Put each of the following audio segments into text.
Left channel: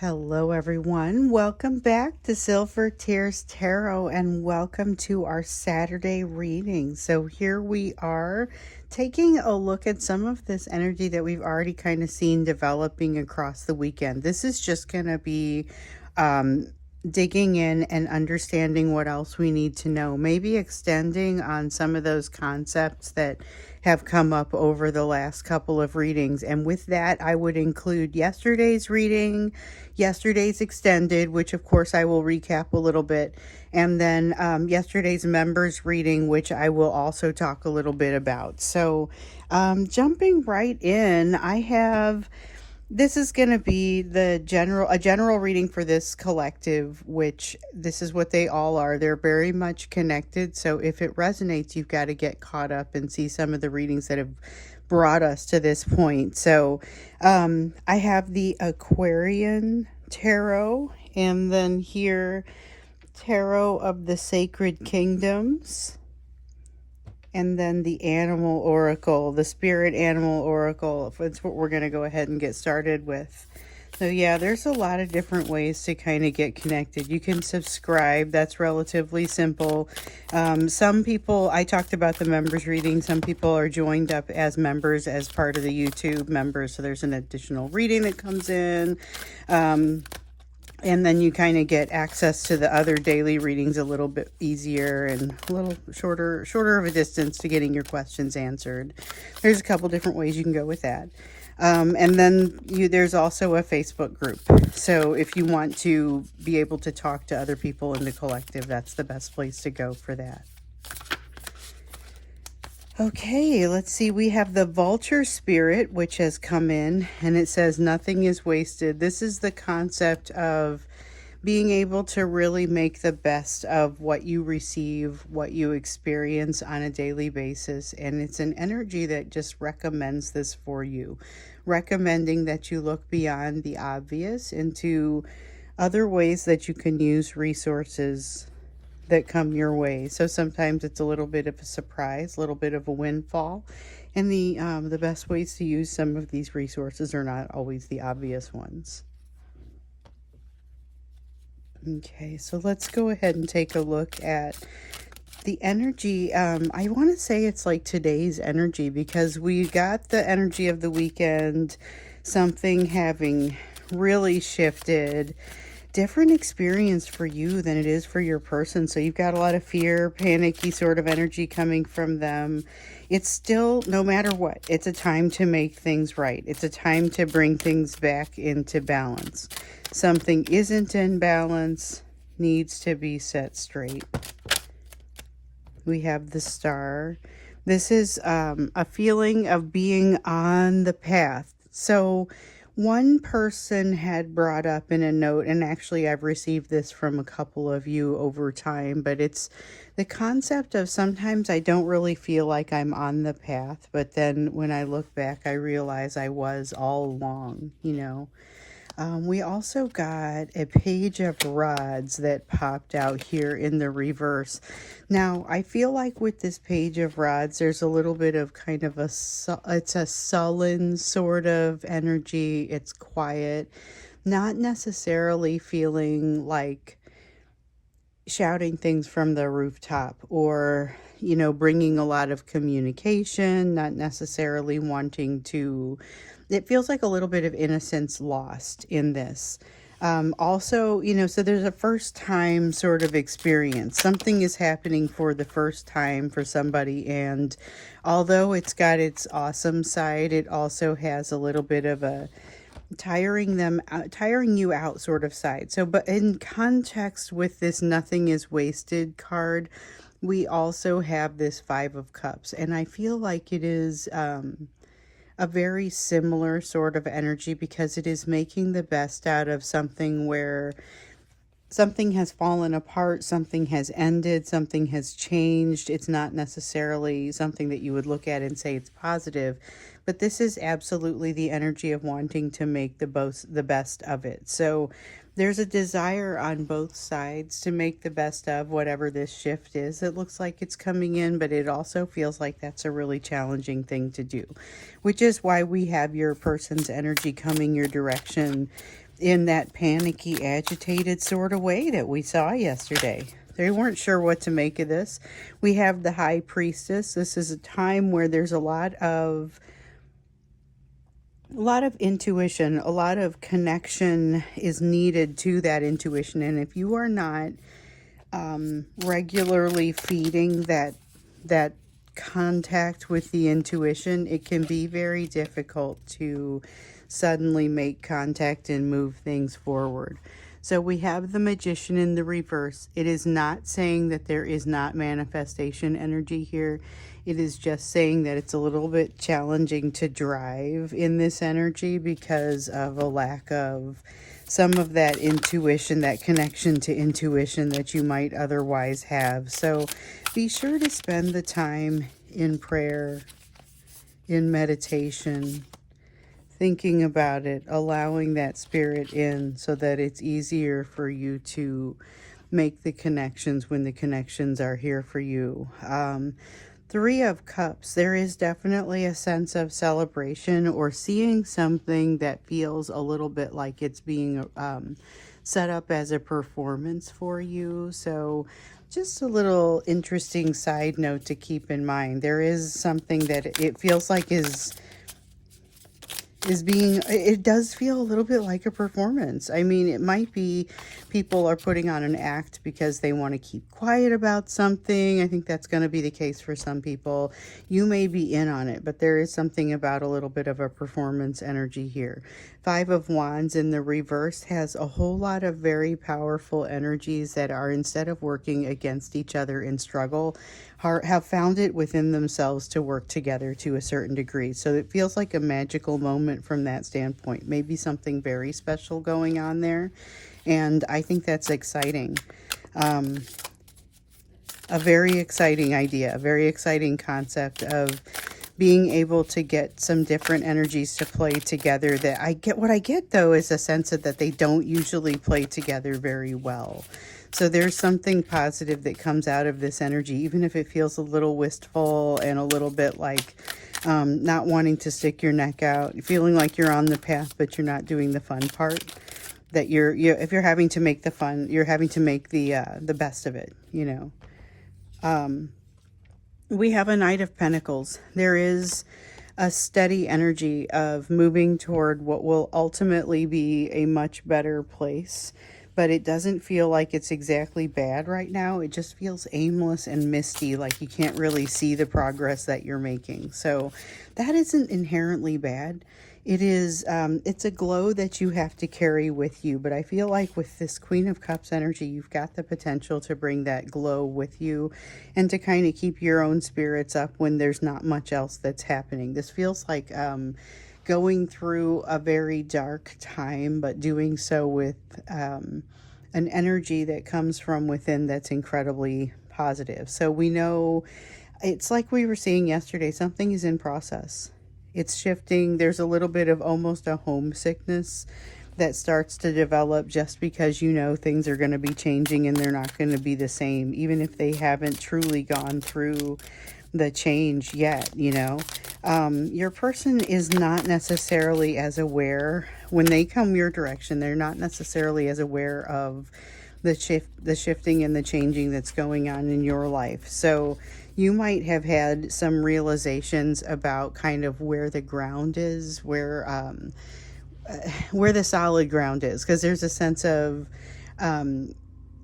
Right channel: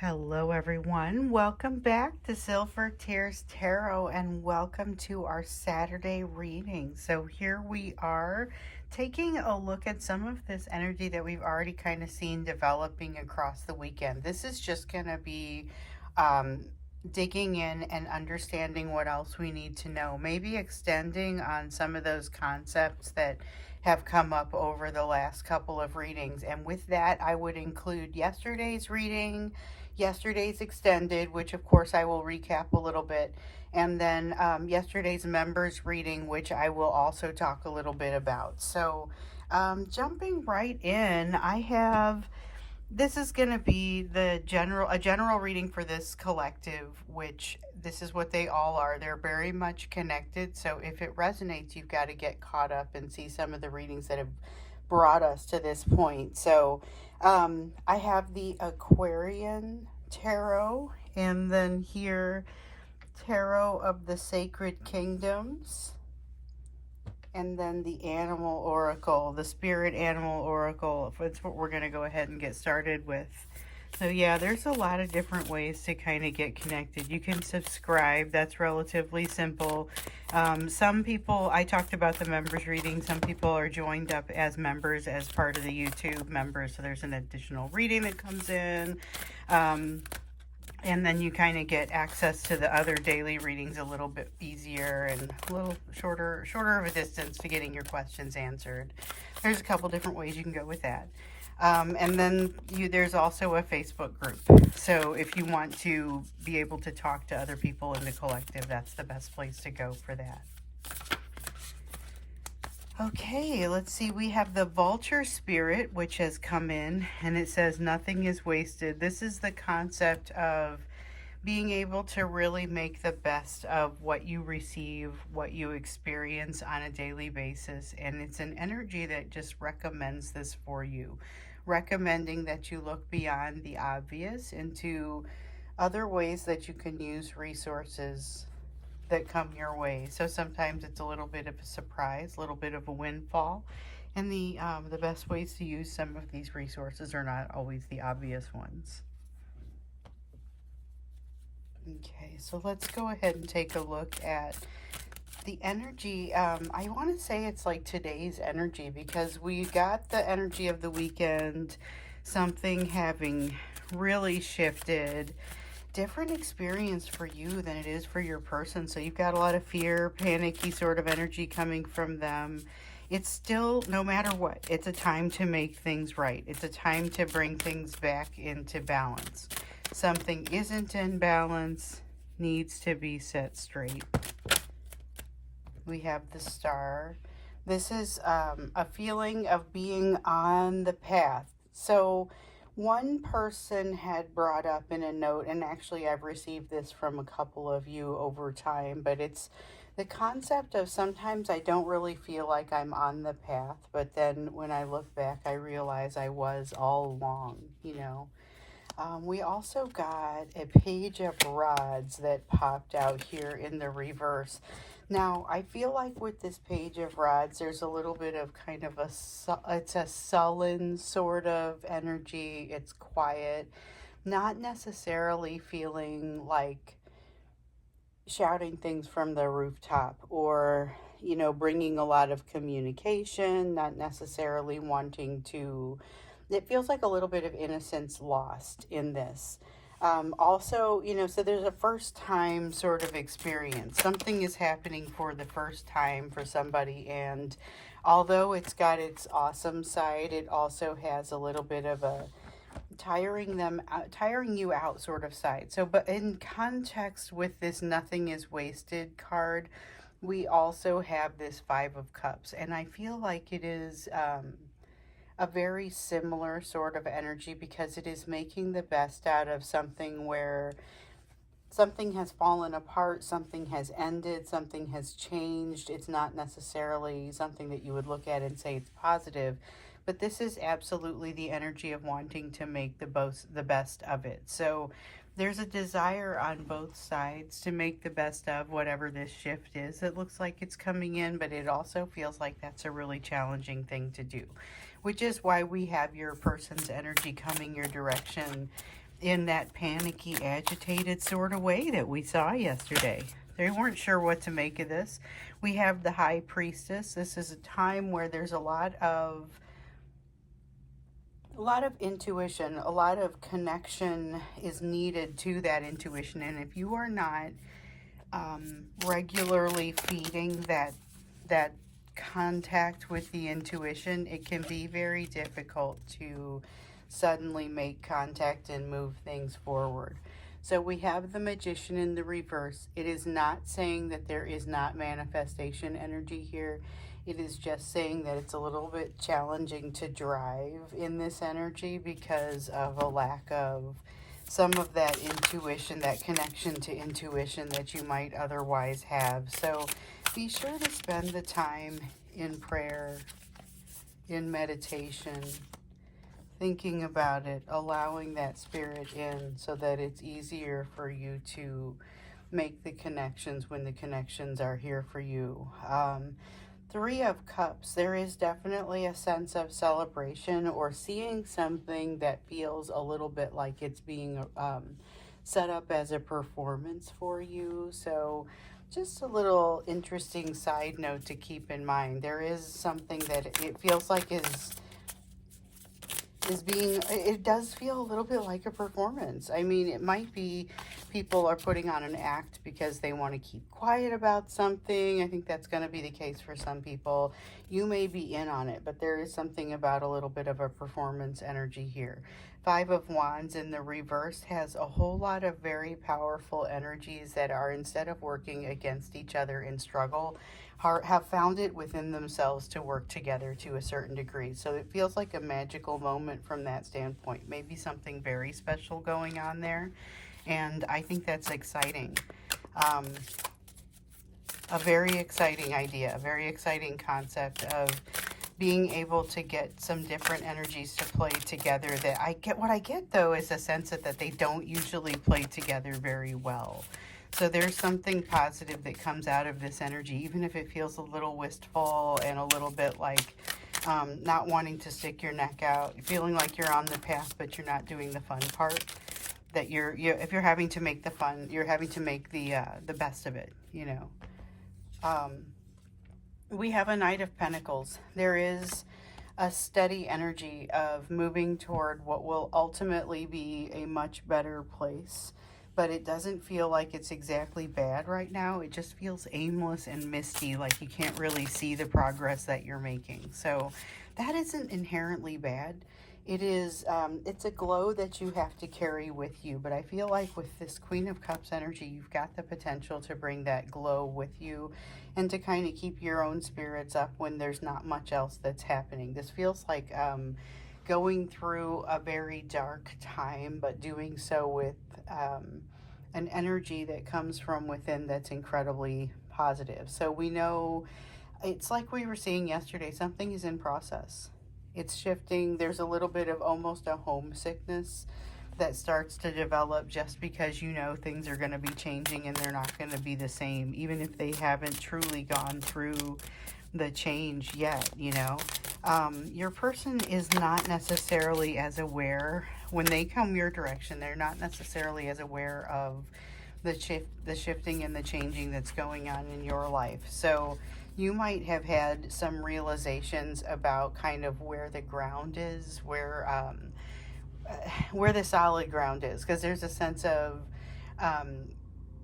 Hello, everyone. Welcome back to Silver Tears Tarot and welcome to our Saturday reading. So, here we are taking a look at some of this energy that we've already kind of seen developing across the weekend. This is just going to be digging in and understanding what else we need to know, maybe extending on some of those concepts that have come up over the last couple of readings. And with that, I would include yesterday's reading, yesterday's extended, which of course I will recap a little bit, and then yesterday's members reading, which I will also talk a little bit about. So jumping right in, I have, this is going to be a general reading for this collective, which this is what they all are. They're very much connected. So if it resonates, you've got to get caught up and see some of the readings that have brought us to this point. So I have the Aquarian Tarot, and then here Tarot of the Sacred Kingdoms, and then the Animal Oracle, the Spirit Animal Oracle. That's what we're going to go ahead and get started with. So yeah, there's a lot of different ways to kind of get connected. You can subscribe. That's relatively simple. Some people, I talked about the members reading. Some people are joined up as members as part of the YouTube members. So there's an additional reading that comes in. And then you kind of get access to the other daily readings a little bit easier and a little shorter of a distance to getting your questions answered. There's a couple different ways you can go with that. And then there's also a Facebook group. So if you want to be able to talk to other people in the collective, that's the best place to go for that. Okay, let's see. We have the Vulture Spirit, which has come in, and it says nothing is wasted. This is the concept of being able to really make the best of what you receive, what you experience on a daily basis. And it's an energy that just recommends this for you, recommending that you look beyond the obvious into other ways that you can use resources that come your way. So sometimes it's a little bit of a surprise, a little bit of a windfall, and the best ways to use some of these resources are not always the obvious ones. Okay, so let's go ahead and take a look at the energy. I want to say it's like today's energy, because we got the energy of the weekend, something having really shifted, different experience for you than it is for your person. So you've got a lot of fear, panicky sort of energy coming from them. It's still, no matter what, it's a time to make things right. It's a time to bring things back into balance. Something isn't in balance, needs to be set straight. We have the Star. This is a feeling of being on the path. So one person had brought up in a note, and actually I've received this from a couple of you over time, but it's the concept of sometimes I don't really feel like I'm on the path, but then when I look back, I realize I was all along, you know. We also got a Page of Rods that popped out here in the reverse. Now, I feel like with this Page of Rods, there's a little bit of kind of it's a sullen sort of energy. It's quiet, not necessarily feeling like shouting things from the rooftop or, you know, bringing a lot of communication, not necessarily wanting to. It feels like a little bit of innocence lost in this. Also, you know, so there's a first time sort of experience. Something is happening for the first time for somebody, and although it's got its awesome side, it also has a little bit of a tiring you out sort of side. So, but in context with this nothing is wasted card, we also have this Five of Cups, and I feel like it is a very similar sort of energy, because it is making the best out of something where something has fallen apart, something has ended, something has changed. It's not necessarily something that you would look at and say it's positive, but this is absolutely the energy of wanting to make the best of it. So there's a desire on both sides to make the best of whatever this shift is. It looks like it's coming in, but it also feels like that's a really challenging thing to do, which is why we have your person's energy coming your direction in that panicky, agitated sort of way that we saw yesterday. They weren't sure what to make of this. We have the High Priestess. This is a time where there's a lot of intuition, a lot of connection is needed to that intuition. And if you are not regularly feeding that contact with the intuition, it can be very difficult to suddenly make contact and move things forward. So we have the Magician in the reverse. It is not saying that there is not manifestation energy here. It is just saying that it's a little bit challenging to drive in this energy because of a lack of some of that intuition, that connection to intuition that you might otherwise have. So be sure to spend the time in prayer, in meditation, thinking about it, allowing that spirit in so that it's easier for you to make the connections when the connections are here for you. Three of Cups, there is definitely a sense of celebration or seeing something that feels a little bit like it's being set up as a performance for you. So just a little interesting side note to keep in mind. There is something that it feels like is being, it does feel a little bit like a performance. I mean, it might be people are putting on an act because they want to keep quiet about something. I think that's going to be the case for some people. You may be in on it, but there is something about a little bit of a performance energy here. Five of Wands in the reverse has a whole lot of very powerful energies that are, instead of working against each other in struggle, have found it within themselves to work together to a certain degree. So it feels like a magical moment from that standpoint. Maybe something very special going on there. And I think that's exciting. A very exciting idea, a very exciting concept of being able to get some different energies to play together. That I get, what I get though is a sense that they don't usually play together very well. So there's something positive that comes out of this energy, even if it feels a little wistful and a little bit like not wanting to stick your neck out, feeling like you're on the path, but you're not doing the fun part. That if you're having to make the fun, you're having to make the best of it, you know. We have a Knight of Pentacles. There is a steady energy of moving toward what will ultimately be a much better place. But it doesn't feel like it's exactly bad right now. It just feels aimless and misty, like you can't really see the progress that you're making. So that isn't inherently bad. It is, it's a glow that you have to carry with you. But I feel like with this Queen of Cups energy, you've got the potential to bring that glow with you and to kind of keep your own spirits up when there's not much else that's happening. This feels like going through a very dark time, but doing so with an energy that comes from within that's incredibly positive. So we know, it's like we were seeing yesterday, something is in process. It's shifting. There's a little bit of almost a homesickness that starts to develop just because you know things are going to be changing and they're not going to be the same, even if they haven't truly gone through the change yet, you know. Your person is not necessarily as aware when they come your direction. They're not necessarily as aware of the shifting and the changing that's going on in your life. So you might have had some realizations about kind of where the ground is, where the solid ground is, because there's a sense of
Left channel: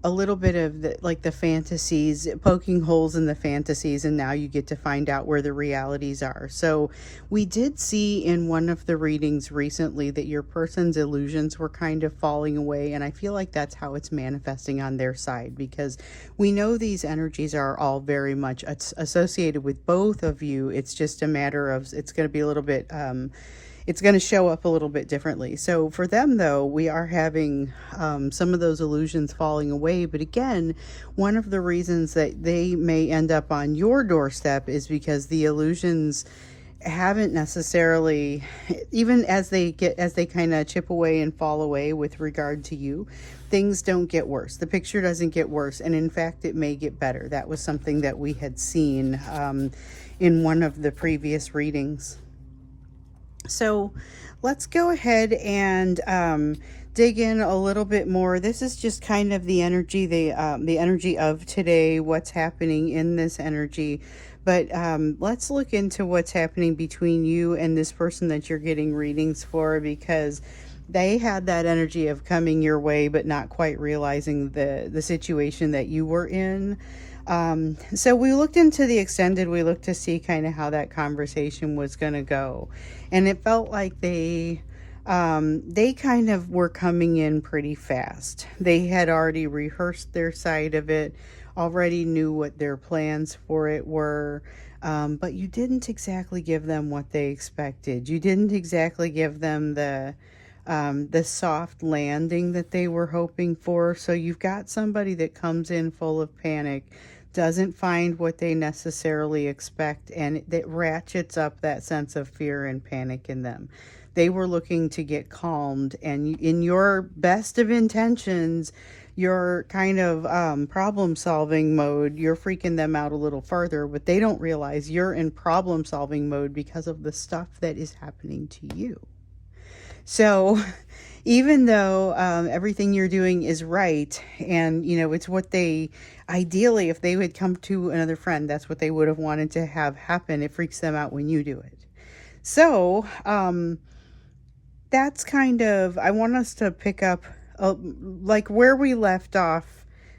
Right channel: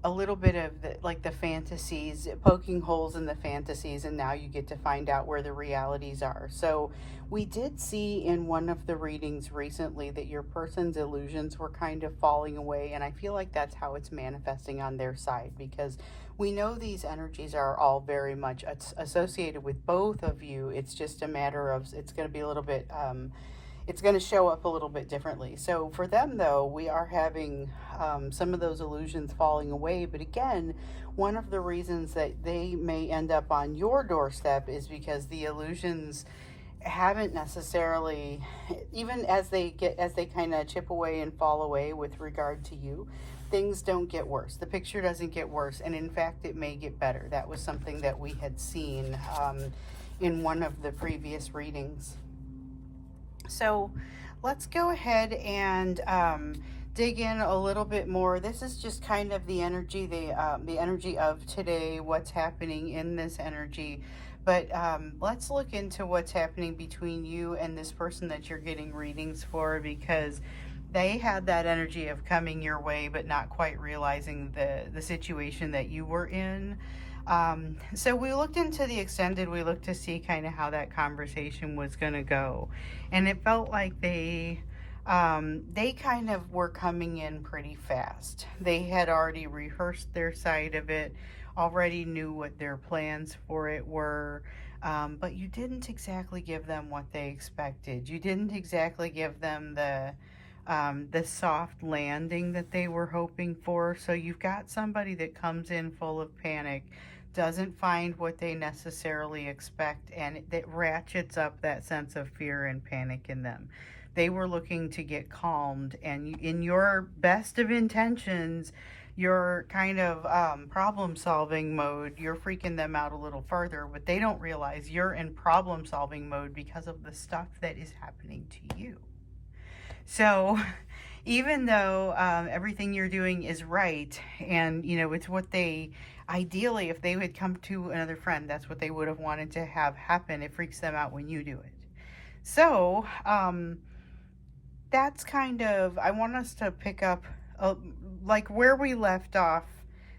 a little bit of the fantasies, poking holes in the fantasies, and now you get to find out where the realities are. So we did see in one of the readings recently that your person's illusions were kind of falling away, and I feel like that's how it's manifesting on their side, because we know these energies are all very much associated with both of you. It's just a matter of, it's going to be a little bit it's going to show up a little bit differently. So for them, though, we are having some of those illusions falling away. But again, one of the reasons that they may end up on your doorstep is because the illusions haven't necessarily, even as they kind of chip away and fall away with regard to you, things don't get worse. The picture doesn't get worse. And in fact, it may get better. That was something that we had seen in one of the previous readings. So let's go ahead and dig in a little bit more. This is just kind of the energy of today, what's happening in this energy. But let's look into what's happening between you and this person that you're getting readings for, because they had that energy of coming your way but not quite realizing the situation that you were in. So we looked into the extended, we looked to see kind of how that conversation was going to go. And it felt like they kind of were coming in pretty fast. They had already rehearsed their side of it, already knew what their plans for it were. But you didn't exactly give them what they expected. You didn't exactly give them the soft landing that they were hoping for. So you've got somebody that comes in full of panic, doesn't find what they necessarily expect, and that ratchets up that sense of fear and panic in them. They were looking to get calmed, and in your best of intentions, your kind of problem solving mode, you're freaking them out a little further, but they don't realize you're in problem solving mode because of the stuff that is happening to you. So, even though everything you're doing is right, and it's what they ideally, if they would come to another friend, that's what they would have wanted to have happen. It freaks them out when you do it. So, that's kind of, I want us to pick up like where we left off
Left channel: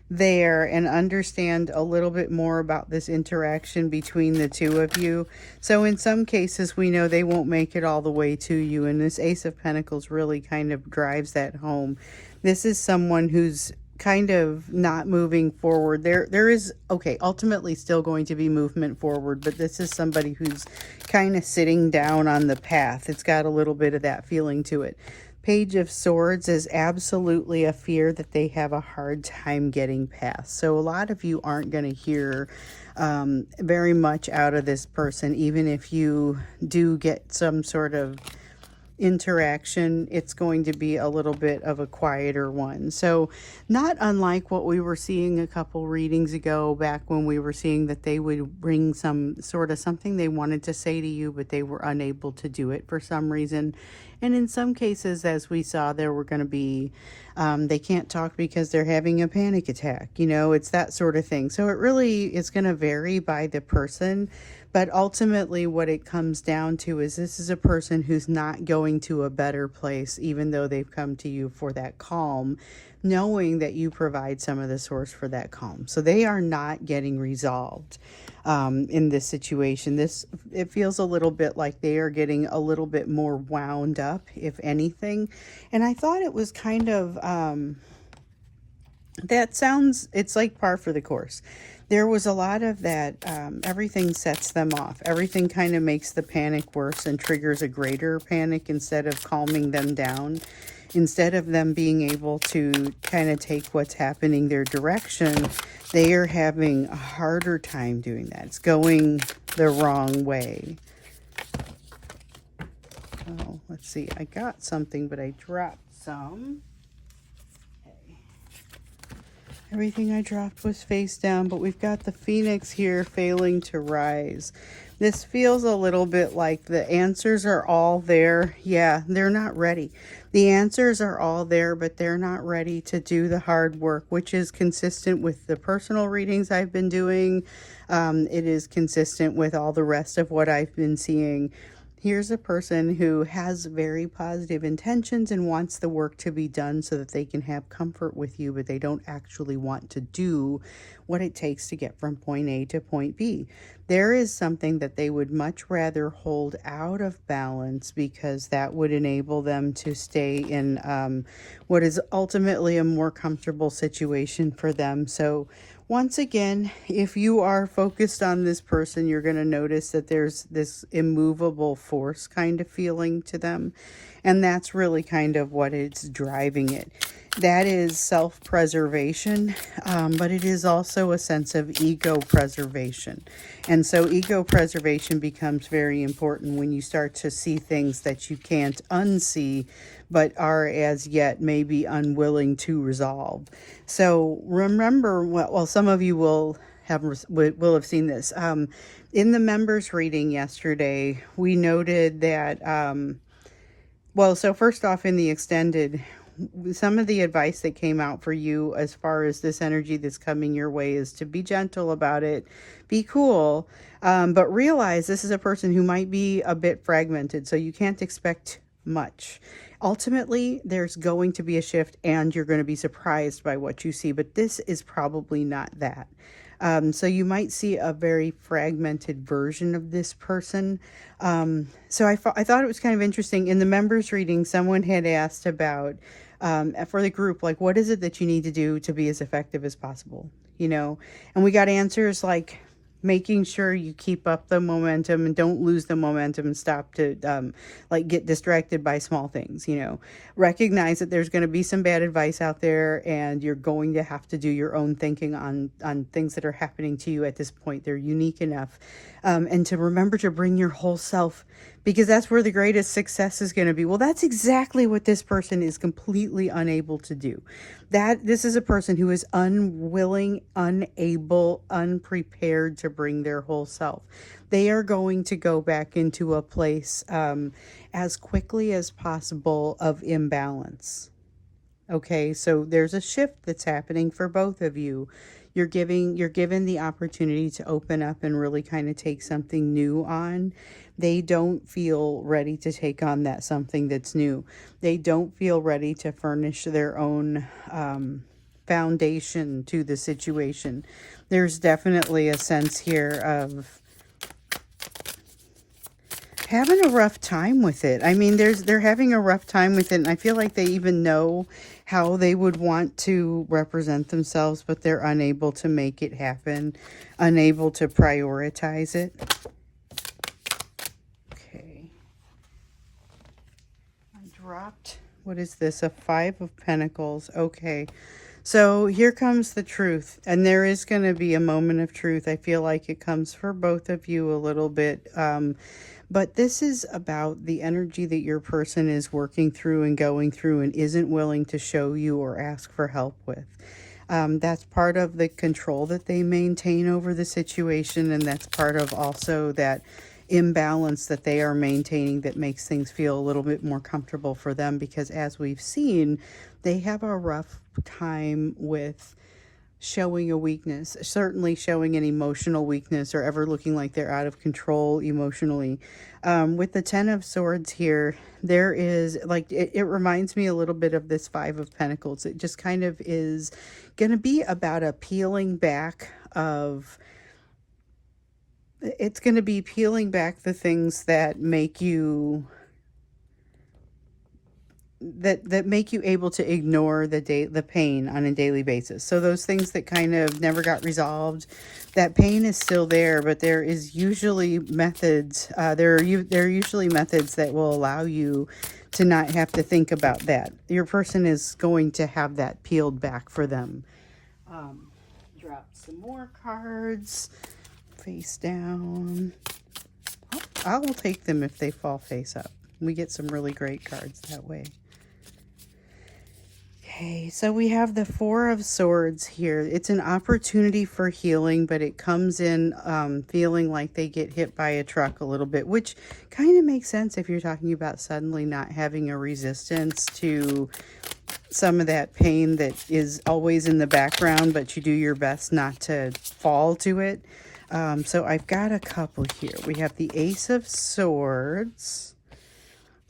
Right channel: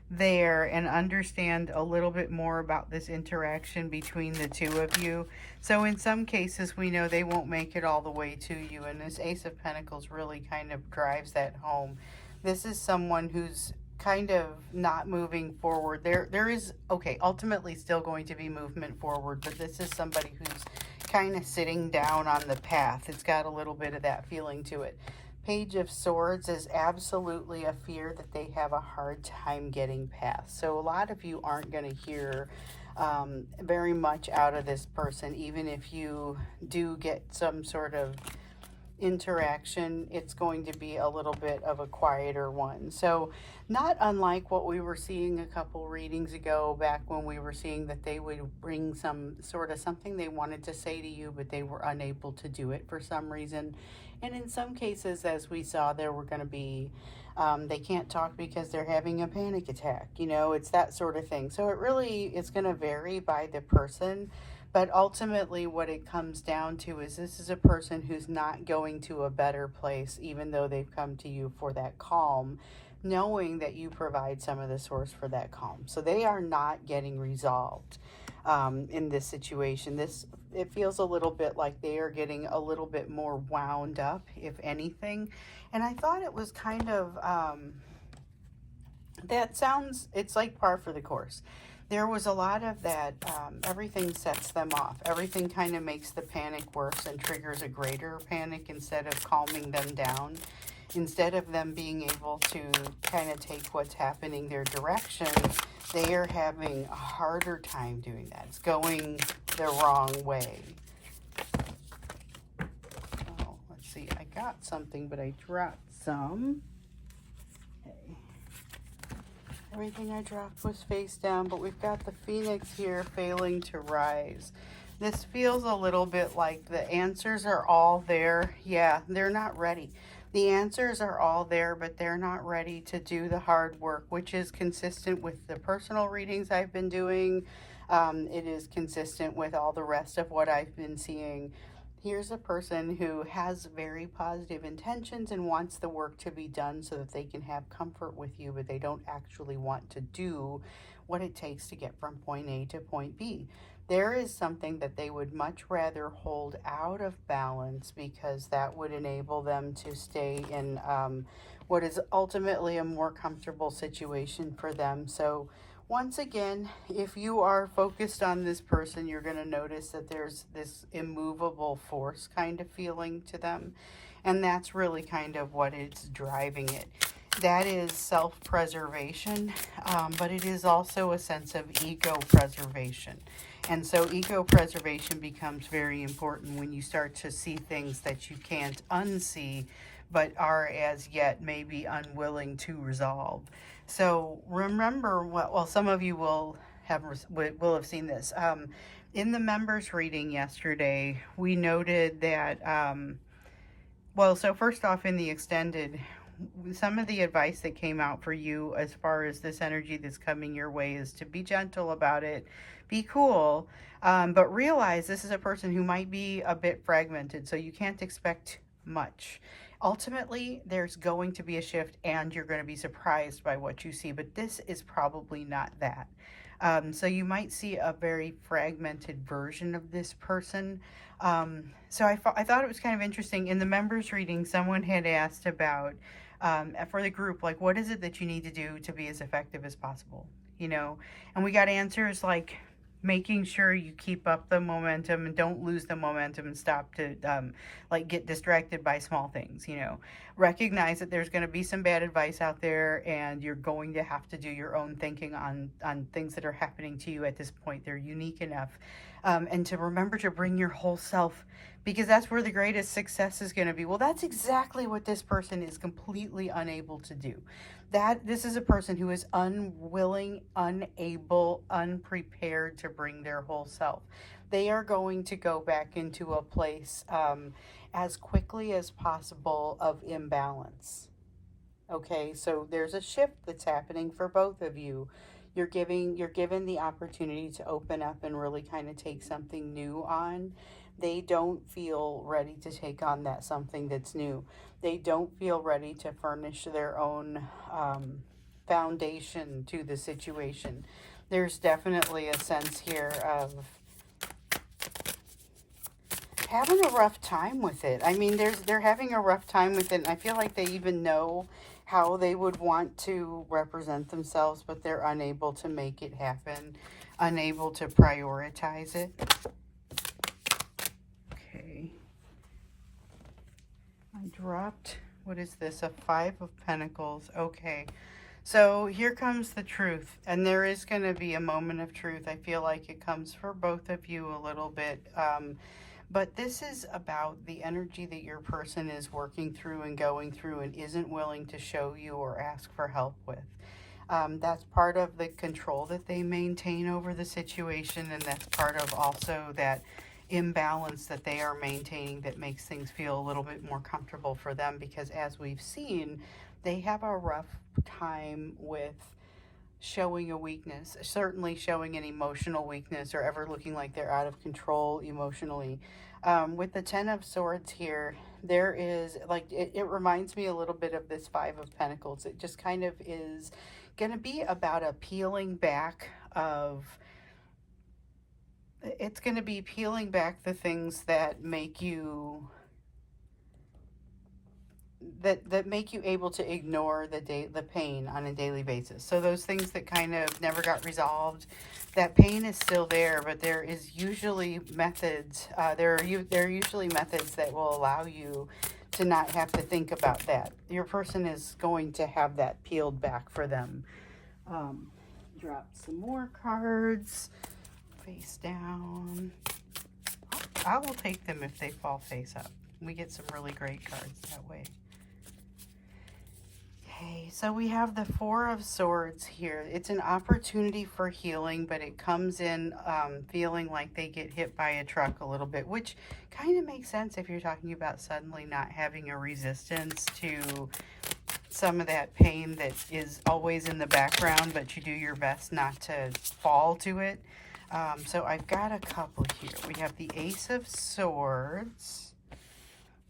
there and understand a little bit more about this interaction between the two of you. So in some cases, we know they won't make it all the way to you, and this Ace of Pentacles really kind of drives that home. This is someone who's kind of not moving forward. There is, okay, ultimately still going to be movement forward, but this is somebody who's kind of sitting down on the path. It's got a little bit of that feeling to it. Page of Swords is absolutely a fear that they have a hard time getting past. So a lot of you aren't going to hear very much out of this person. Even if you do get some sort of interaction, it's going to be a little bit of a quieter one. So not unlike what we were seeing a couple readings ago, back when we were seeing that they would bring some sort of something they wanted to say to you, but they were unable to do it for some reason. And in some cases, as we saw, there were going to be they can't talk because they're having a panic attack. It's that sort of thing. So it really is going to vary by the person. But ultimately, what it comes down to is this is a person who's not going to a better place, even though they've come to you for that calm, knowing that you provide some of the source for that calm. So they are not getting resolved in this situation. It feels a little bit like they are getting a little bit more wound up, if anything. And I thought it was kind of, it's like par for the course. There was a lot of that, everything sets them off. Everything kind of makes the panic worse and triggers a greater panic instead of calming them down. Instead of them being able to kind of take what's happening their direction, they are having a harder time doing that. It's going the wrong way. Oh, let's see. I got something, but I dropped some. Everything I dropped was face down, but we've got the Phoenix here failing to rise. This feels a little bit like the answers are all there. Yeah, they're not ready. The answers are all there, but they're not ready to do the hard work, which is consistent with the personal readings I've been doing. It is consistent with all the rest of what I've been seeing. Here's a person who has very positive intentions and wants the work to be done so that they can have comfort with you, but they don't actually want to do what it takes to get from point A to point B. There is something that they would much rather hold out of balance, because that would enable them to stay in what is ultimately a more comfortable situation for them. So once again, if you are focused on this person, you're going to notice that there's this immovable force kind of feeling to them. And that's really kind of what is driving it. That is self-preservation, but it is also a sense of ego preservation. And so ego preservation becomes very important when you start to see things that you can't unsee, but are as yet maybe unwilling to resolve. So remember, well, some of you will have seen this. In the members reading yesterday, we noted that, well, so first off, in the extended, some of the advice that came out for you as far as this energy that's coming your way is to be gentle about it, be cool, but realize this is a person who might be a bit fragmented, so you can't expect much. Ultimately, there's going to be a shift and you're going to be surprised by what you see, but this is probably not that. So you might see a very fragmented version of this person. So I thought it was kind of interesting. In the members reading, someone had asked about, for the group, like, what is it that you need to do to be as effective as possible? You know, and we got answers like making sure you keep up the momentum and don't lose the momentum and stop to like get distracted by small things. You know, recognize that there's going to be some bad advice out there and you're going to have to do your own thinking on things that are happening to you at this point. They're unique enough, and to remember to bring your whole self, because that's where the greatest success is going to be. Well, that's exactly what this person is completely unable to do. That this is a person who is unwilling, unable, unprepared to bring their whole self. They are going to go back into a place as quickly as possible of imbalance. Okay, so there's a shift that's happening for both of you. You're given the opportunity to open up and really kind of take something new on. They don't feel ready to take on that something that's new. They don't feel ready to furnish their own foundation to the situation. There's definitely a sense here of having a rough time with it. I mean, they're having a rough time with it, and I feel like they even know how they would want to represent themselves, but they're unable to make it happen, unable to prioritize it. Okay. I dropped, what is this? A 5 of Pentacles. Okay. So here comes the truth, and there is going to be a moment of truth. I feel like it comes for both of you a little bit. But this is about the energy that your person is working through and going through and isn't willing to show you or ask for help with. That's part of the control that they maintain over the situation, and that's part of also that imbalance that they are maintaining that makes things feel a little bit more comfortable for them, because as we've seen, they have a rough time with showing a weakness, certainly showing an emotional weakness or ever looking like they're out of control emotionally. With the 10 of Swords here, there is like, it reminds me a little bit of this 5 of Pentacles. It just kind of is going to be about a peeling back of, it's going to be peeling back the things that make you that make you able to ignore the pain on a daily basis. So those things that kind of never got resolved, that pain is still there, but there is usually methods. There are usually methods that will allow you to not have to think about that. Your person is going to have that peeled back for them. Drop some more cards face down. I will take them if they fall face up. We get some really great cards that way. Okay, so we have the 4 of Swords here. It's an opportunity for healing, but it comes in feeling like they get hit by a truck a little bit, which kind of makes sense if you're talking about suddenly not having a resistance to some of that pain that is always in the background, but you do your best not to fall to it. So I've got a couple here. We have the Ace of Swords,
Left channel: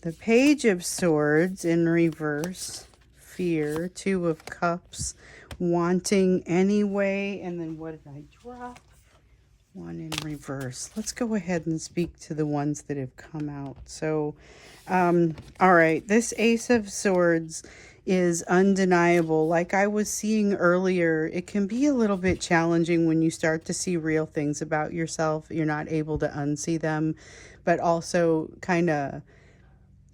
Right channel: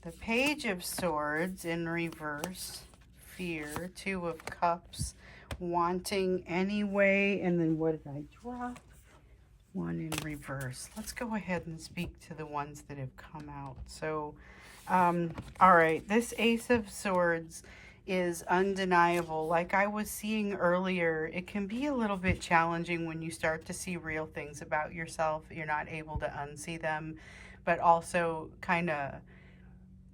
the Page of Swords in reverse, fear, 2 of Cups, wanting anyway, and then what did I drop? 1 in reverse. Let's go ahead and speak to the ones that have come out. So, all right, this Ace of Swords is undeniable. Like I was seeing earlier, it can be a little bit challenging when you start to see real things about yourself. You're not able to unsee them, but also kind of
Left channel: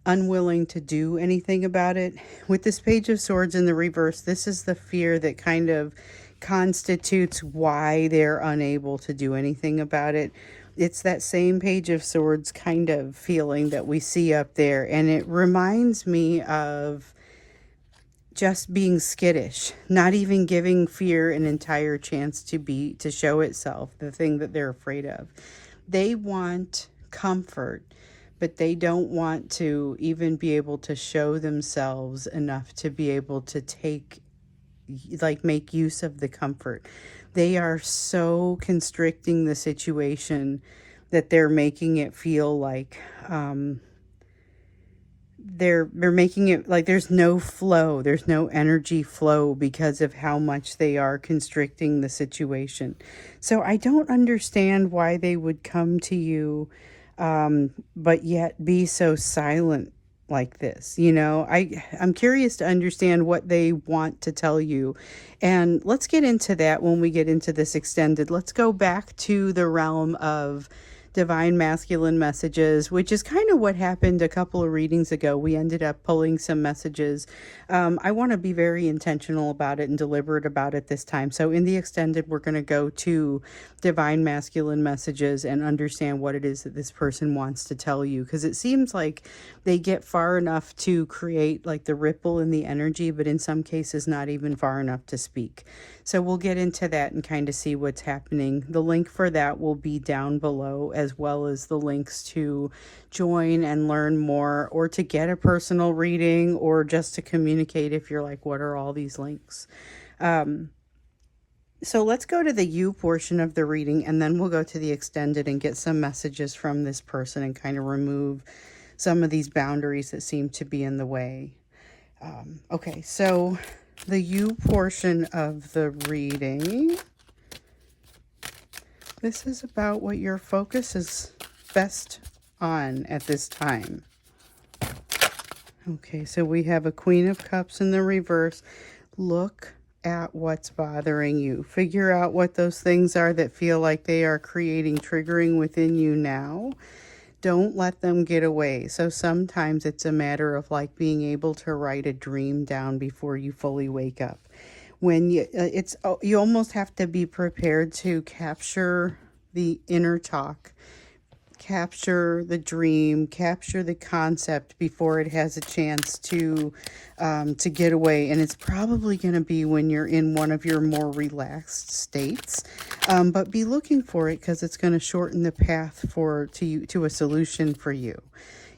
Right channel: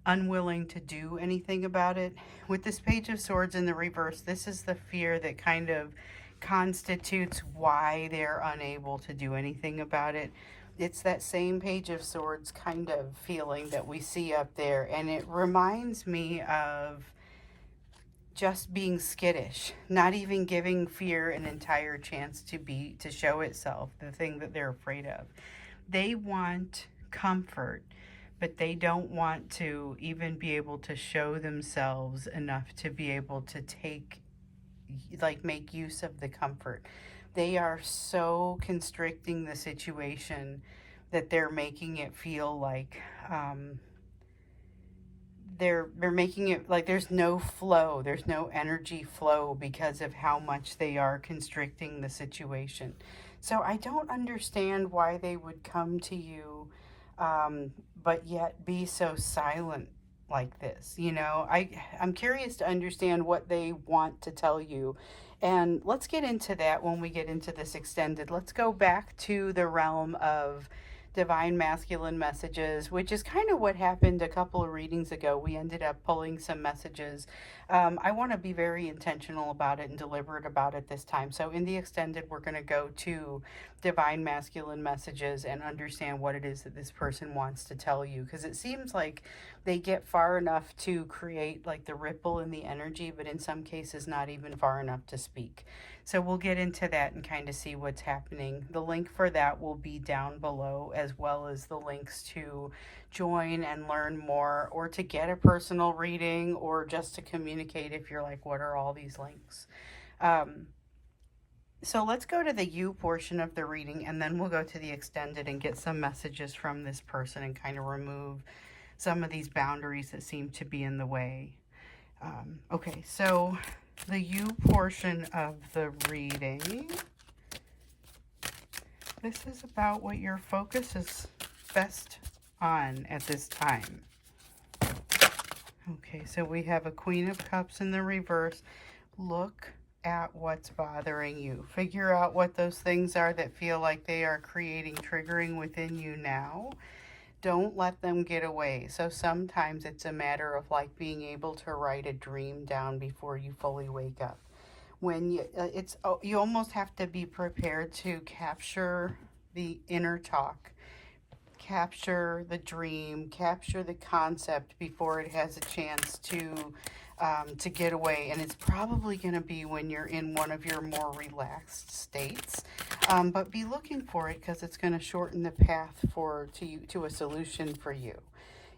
unwilling to do anything about it. With this Page of Swords in the reverse, this is the fear that kind of constitutes why they're unable to do anything about it. It's that same Page of Swords kind of feeling that we see up there, and it reminds me of just being skittish, not even giving fear an entire chance to show itself, the thing that they're afraid of. They want comfort, but they don't want to even be able to show themselves enough to be able to make use of the comfort. They are so constricting the situation that they're making it feel like they're making it like there's no flow, there's no energy flow because of how much they are constricting the situation. So I don't understand why they would come to you, but yet be so silent like this. I'm curious to understand what they want to tell you, and let's get into that when we get into this extended. Let's go back to the realm of divine masculine messages, which is kind of what happened a couple of readings ago. We ended up pulling some messages. I want to be very intentional about it and deliberate about it this time. So in the extended, we're going to go to divine masculine messages and understand what it is that this person wants to tell you, because it seems like they get far enough to create like the ripple in the energy, but in some cases not even far enough to speak. So we'll get into that and kind of see what's happening. The link for that will be down below, as well as the links to join and learn more, or to get a personal reading, or just to communicate if you're like, what are all these links? So let's go to the you portion of the reading, and then we'll go to the extended and get some messages from this person and kind of remove some of these boundaries that seem to be in the way. Okay, so the you portion of the reading, this is about what your focus is best on at this time. Okay, so we have a Queen of Cups in the reverse. Look at what's bothering you. Figure out what those things are that feel like they are creating triggering within you now. Don't let them get away. So sometimes it's a matter of like being able to write a dream down before you fully wake up. When you almost have to be prepared to capture the inner talk, capture the dream, capture the concept before it has a chance to get away. And it's probably going to be when you're in one of your more relaxed states. But be looking for it, because it's going to shorten the path to a solution for you.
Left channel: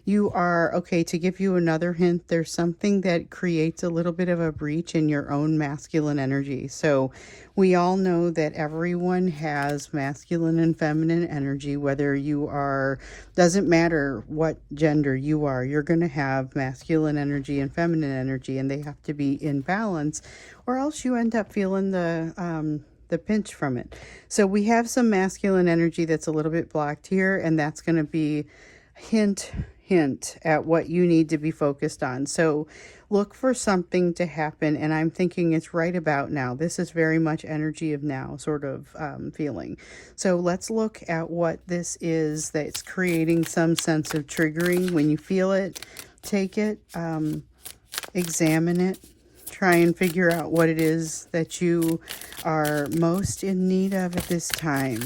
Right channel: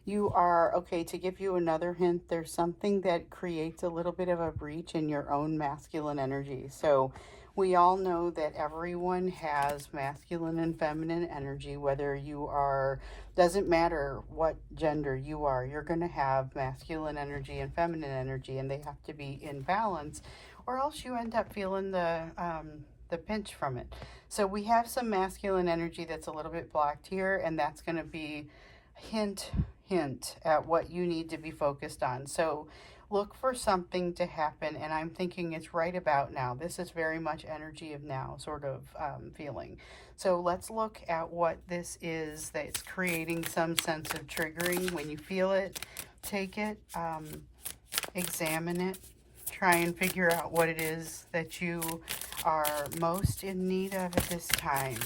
You are, okay, to give you another hint, there's something that creates a little bit of a breach in your own masculine energy. So we all know that everyone has masculine and feminine energy, whether you are, doesn't matter what gender you are, you're going to have masculine energy and feminine energy, and they have to be in balance, or else you end up feeling the pinch from it. So we have some masculine energy that's a little bit blocked here, and that's going to be hint at what you need to be focused on. So look for something to happen, and I'm thinking it's right about now. This is very much energy of now sort of feeling. So let's look at what this is that's creating some sense of triggering. When you feel it, take it, examine it, try and figure out what it is that you are most in need of at this time.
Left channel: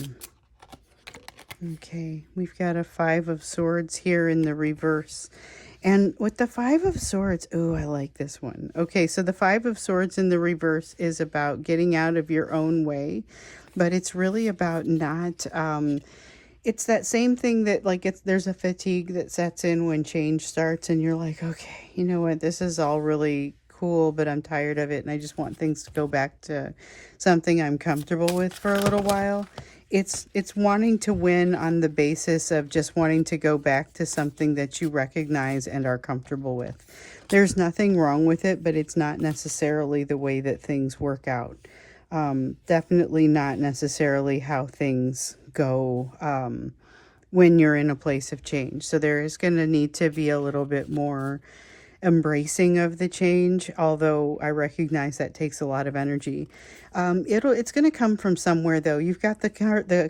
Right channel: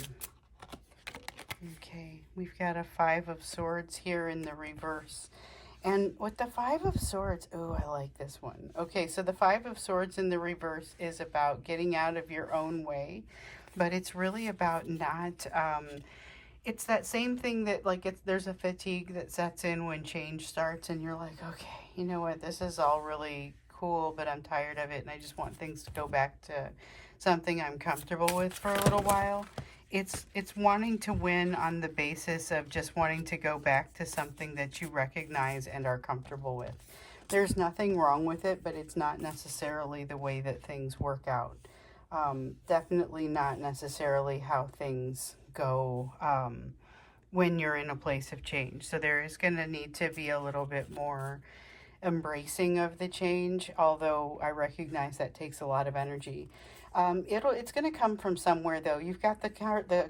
Okay, we've got a Five of Swords here in the reverse. And with the Five of Swords, oh, I like this one. Okay, so the Five of Swords in the reverse is about getting out of your own way, but it's really about not, it's that same thing that there's a fatigue that sets in when change starts, and you're like, okay, you know what, this is all really cool, but I'm tired of it, and I just want things to go back to something I'm comfortable with for a little while. It's wanting to win on the basis of just wanting to go back to something that you recognize and are comfortable with. There's nothing wrong with it, but it's not necessarily the way that things work out. Definitely not necessarily how things go when you're in a place of change. So there is going to need to be a little bit more embracing of the change, although I recognize that takes a lot of energy. It's going to come from somewhere, though. You've got the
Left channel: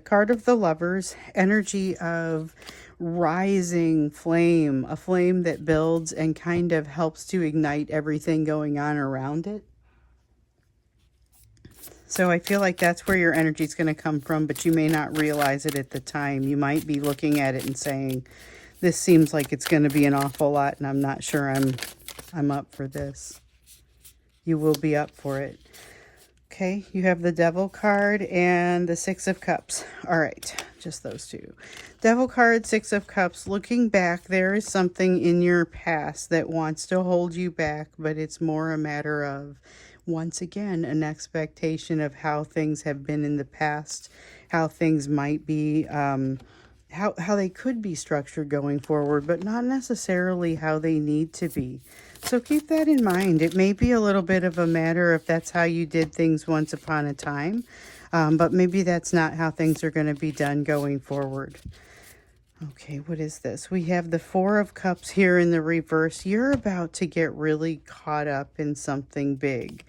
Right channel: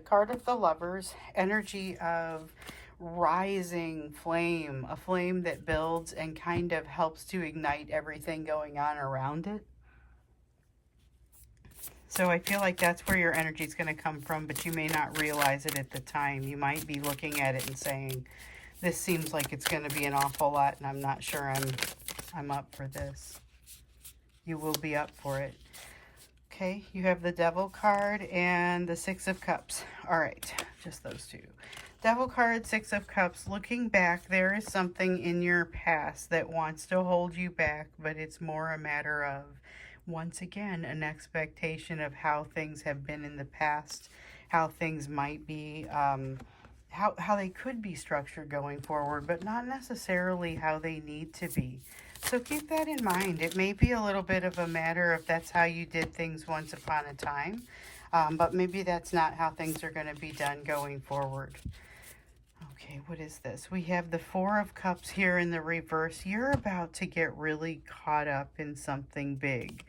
card of the Lovers, energy of rising flame, a flame that builds and kind of helps to ignite everything going on around it. So I feel like that's where your energy is going to come from, but you may not realize it at the time. You might be looking at it and saying, this seems like it's going to be an awful lot, and I'm not sure I'm up for this. You will be up for it. Okay, you have the Devil card and the Six of Cups. All right, just those two. Devil card, Six of Cups. Looking back, there is something in your past that wants to hold you back, but it's more a matter of, once again, an expectation of how things have been in the past, how things might be, how they could be structured going forward, but not necessarily how they need to be. So keep that in mind. It may be a little bit of a matter if that's how you did things once upon a time, but maybe that's not how things are going to be done going forward. Okay, what is this? We have the Four of Cups here in the reverse. You're about to get really caught up in something big.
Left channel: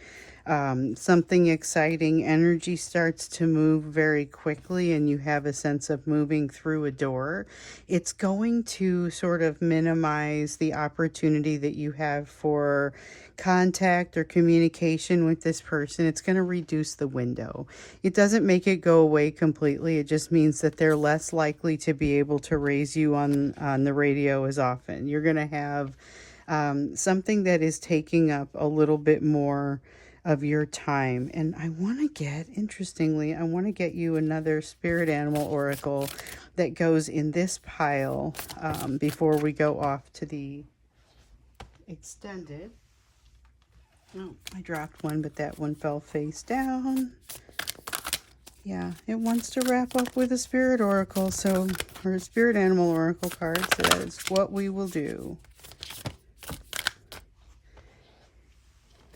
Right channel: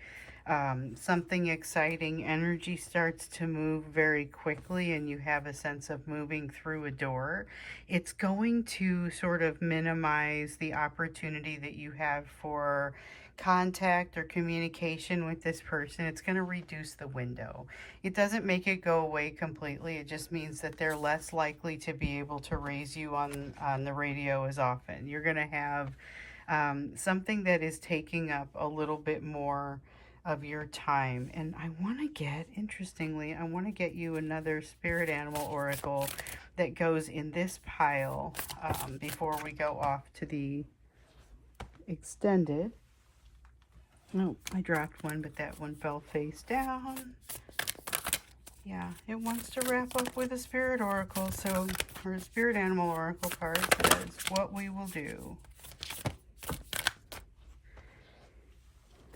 Something exciting. Energy starts to move very quickly and you have a sense of moving through a door. It's going to sort of minimize the opportunity that you have for contact or communication with this person. It's going to reduce the window. It doesn't make it go away completely. It just means that they're less likely to be able to raise you on the radio as often. You're going to have something that is taking up a little bit more of your time. And I want to get, interestingly, I want to get you another spirit animal oracle that goes in this pile before we go off to the extended. Oh, I dropped one, but that one fell face down. Yeah, it wants to wrap up with a spirit oracle, so our spirit animal oracle card says what we will do.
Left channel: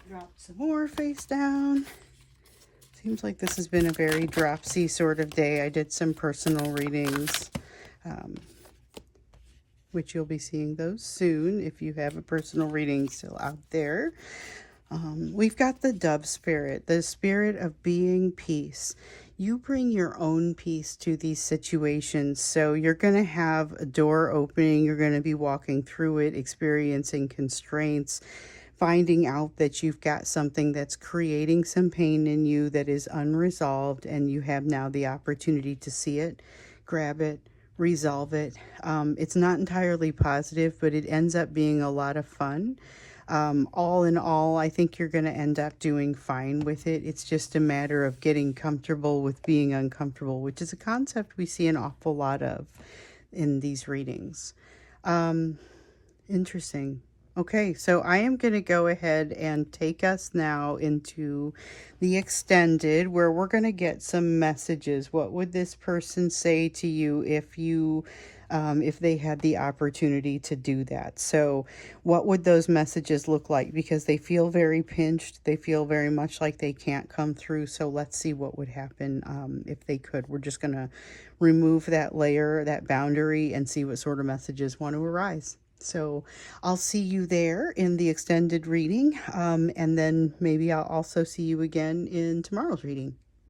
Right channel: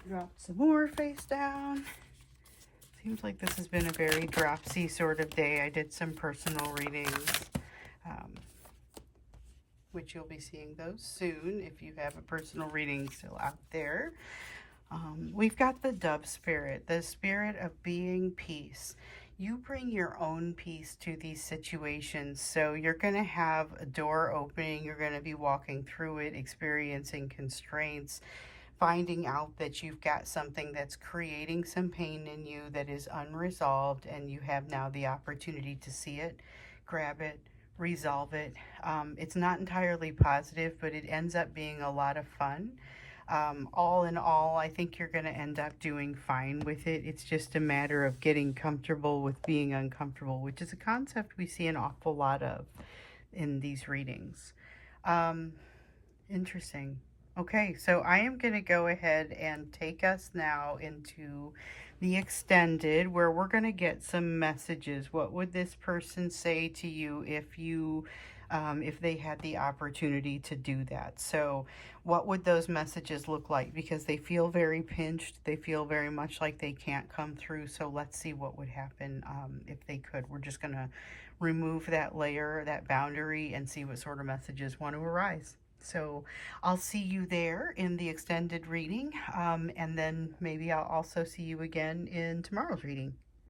Drop some more face down. Seems like this has been a very dropsy sort of day. I did some personal readings, which you'll be seeing those soon if you have a personal reading still out there. We've got the dove spirit, the spirit of being peace. You bring your own peace to these situations. So you're going to have a door opening. You're going to be walking through it, experiencing constraints, finding out that you've got something that's creating some pain in you that is unresolved, and you have now the opportunity to see it, grab it, resolve it. It's not entirely positive, but it ends up being a lot of fun. All in all, I think you're going to end up doing fine with it. It's just a matter of getting comfortable with being uncomfortable, which is a concept we see an awful lot of in these readings. Interesting. Okay, so I am going to go ahead and take us now into the extended, where we're going to get some messages. What would this person say to you if they had the opportunity to do that? So what would those messages look like? Because they feel very pinched. They feel very much like they can't come through. So let's see what would happen if they could. We're just going to remove that layer, that boundary, and see what sort of messages want to arise. So I'll see you there in the extended reading, and then maybe I'll also see you again in tomorrow's reading.